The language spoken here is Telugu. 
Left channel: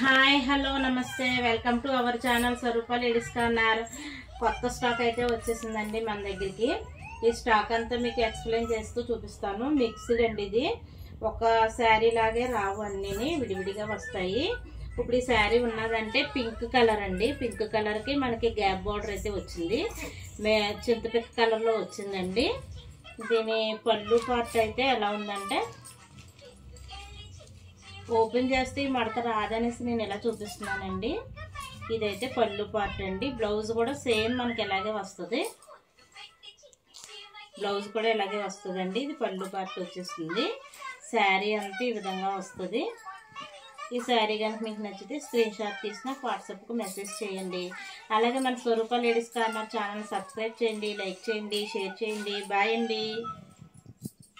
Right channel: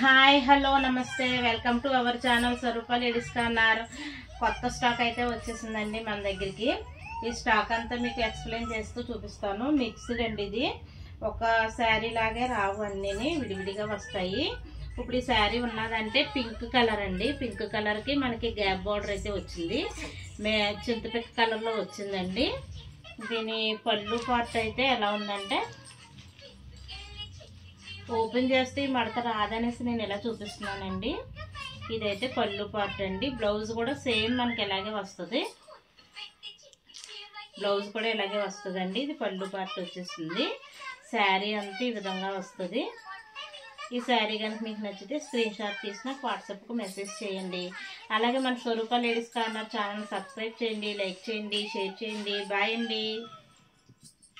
హాయ్ హలో నమస్తే welcome to our channel Swaroopa ladies corner. కొత్త స్టాక్ అయితే వచ్చేసిందండి మన దగ్గరికి. ఈ స్టాక్ అంతా మీకు ఎక్స్ప్లెయిన్ చేస్తూ చూపిస్తాను. మిక్స్డ్ అండి, ఇది ఒక శారీ లాగే రావు, అన్నీ విడివిడిగా వస్తాయి. ఇప్పుడు ఈ శారీ ఉన్నదంటే పింక్ కలర్ అండి. పింక్ కలర్కి మనకి గ్యాప్ బార్డర్ అయితే వచ్చింది, చింతపిక్క కలర్లో వచ్చిందండి. దీని పళ్ళు పార్ట్ అయితే ఎలా ఉందంటే, ఓపెన్ చేస్తే ఈ మడత రాదనేసి నేను ఇలా చూపిస్తున్నానండి. ఇదైతే పళ్ళు పార్ట్ అండి. బ్లౌజ్ కూడా సేమ్ మనకి ఇలాగే వస్తుంది, బ్లౌజ్ కూడా ఇలాగే వస్తుందండి. ఇది పళ్ళు పార్ట్ వచ్చేసింది. శారీ అంతా ఈ విధంగా వస్తుంది. ఈ శారీ కనుక మీకు నచ్చితే స్క్రీన్ షాట్ తీసి నాకు వాట్సాప్కు మెసేజ్ చేయండి. అలాగే మన స్వరూప లేడీస్ కార్నర్ ఛానల్ సబ్స్క్రైబ్ చేయండి, లైక్ చేయండి, షేర్ చేయండి. బాయ్ అండి.